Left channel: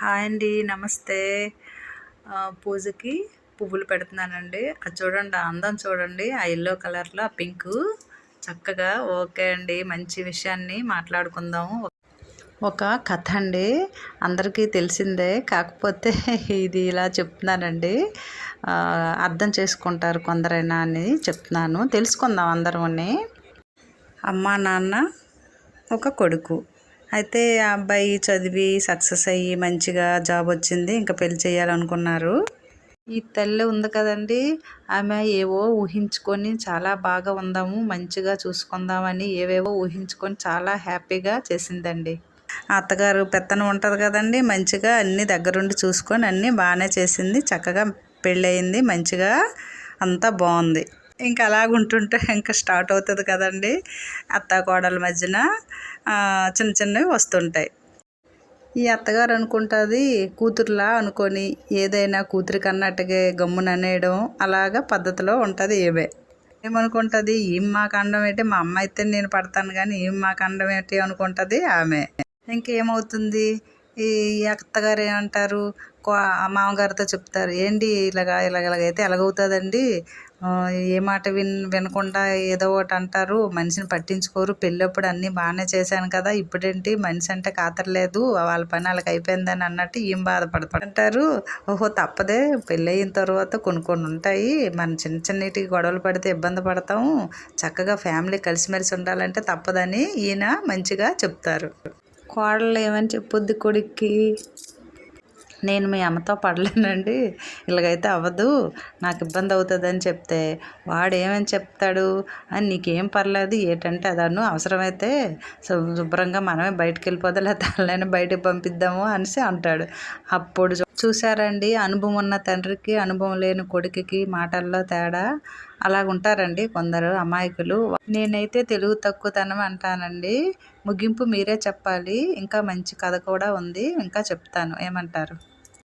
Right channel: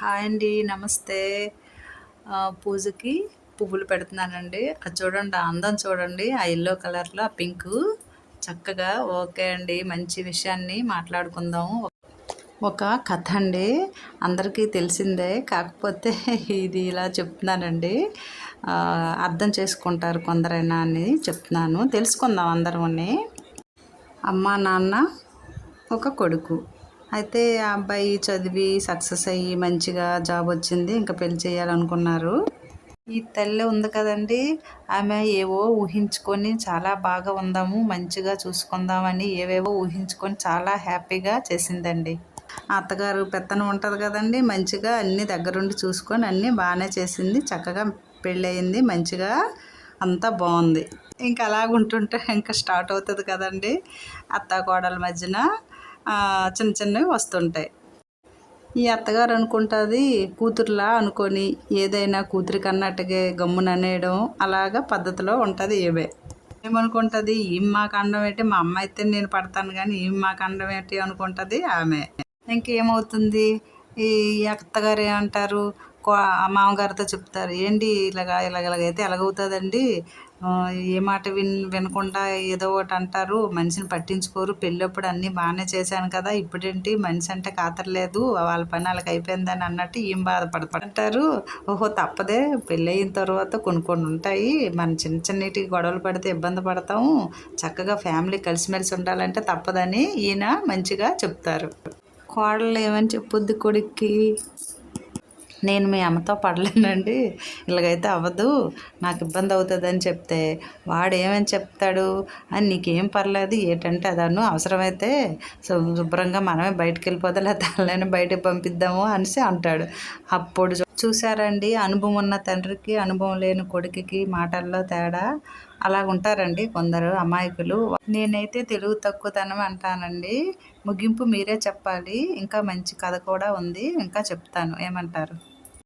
Hi అండి నమస్తే. పూజకి పువ్వులు పెడుతున్నానండి. అది చూడండి ఆ అందం చూడండి ఆ ఎల్లో కలర్లో ఆ పింక్ చక్కగా ఓకే అండి మంచి విషయాన్ని మాట్లాడుకుందాము. ఒక కథ అండి అందరికీ తెలిసిందే. కాకపోతే ఇది ఇలా చెప్తున్నానండి. అర్థం చేసుకుంటారు కొందరైనా అని చెప్తున్నాను. తెలుసుకుందాం అందరూ అమ్మా నాన్న ఒక కొడుకు. అయితే ఆ అబ్బాయి చదివి సక్సెస్ అయ్యి మంచిగా జాబ్ వచ్చింది ఇంకా పెళ్ళి చేయాలనుకున్నారు. ఈ తల్లి ఉంది కదండి ఆమె ఏవో ఊహించుకొని చాలా బాగా ఉందాము మంచిగా చూసుకుందామని ఏవేవో ఊహించుకొని చాలా హ్యాపీగా చేసిందండి. అత్తగారు పెత్తనం ఉంటుంది కదండి మంచిగా అన్నీ దగ్గరుండి చూసుకొని అన్నీ బాగానే చేసింది చక్కగా పెళ్ళయింది మంచిగా అంతా బాగుంది. ఇంకా అలాగుంటుంటే ఇంకా స్టార్ట్ అవుతుంది కదండి. అత్త కోడల మధ్యన చిన్న చిన్నవి వస్తుంటాయి. ఈ అత్తగారు అనుకుంటుంది కూతురులా అనుకొని ఏదైనా కూతురికి అన్నట్టుగా గమ్మున అనేయడం అలాగా పద్ధతిలో ఉంటుంది ఏవే ఏమనుకుంటుంది? ఏం మాకు అండం ఏంటి? మా అమ్మ అయితే నేను పడతాను కానీ ఏం మాకు అండం ఏంటి? అనుకుంటుంది ఆమె. ఇంకేమవుతుంది? ఈ అత్తగారు ఏమంటారు? కో- ఆ మామగారితో చెప్తారు. ఏంటి ఇలాగా ఇలాగ ఇలాగైతే ఎలాగవుతుందండి? ఏ మాట విన్ వినకుండా ఏదో ఒకటి అంటారు. మనిషిని పట్టించుకోరు. పెళ్ళప్పుడు అన్నీ బాగానే చేశాను కదా ఇప్పుడేంటి? మనిషి అంటే కాతరలేదు వాళ్ళ పని వాళ్ళకి అయిపోయిందని అన్నట్టు ఏం బాధపడతారు. అంటారు ఓహో తప్పదే. పెళ్ళి అయిన తర్వాత కొన్ని కొన్ని ఉంటాయి. మన చిన్న చిన్నటికి గొడవలు పడితే ఇబ్బంది పడతాము. చక్కగా ఫ్యామిలీ కలిసిమెలిసి ఉండాలంటే తప్పదని ఈయన మంచిగా చెప్తారు. కోడలు ఏమని చెప్పొద్ది కొడుక్కి. నేను మీ అమ్మతో పడలేనండి. ఇలాగైతే అవ్వదు. నాకు ఇబ్బంది అవుతుంది అని చెప్తే వాడు ఏమని చెప్తాడు? అని నీకేం పర్లేదు ఏంటంటే అదను అవసరమైతే శుభ్రంగా మనమే బయటకు వెళ్ళిపోదా లేదా తనని పంపిద్దాము అనేసి అంటాడు. అప్పుడు చూ- చూసారండి అనుభవం ఉన్న తండ్రికి అనుభవం లేని కొడుకుకి మాటల్లో తేడా అలా ఉంటారండి కొందరు అమాయకులు. నేనైతే తెలుగు తక్కువతనం అంటానండి. ముగింపు మీరే చెప్పాలి. ఇంకా మంచి కథ కూడా ఉంది. ఇంకా చెప్తాను. ఏమంటారు?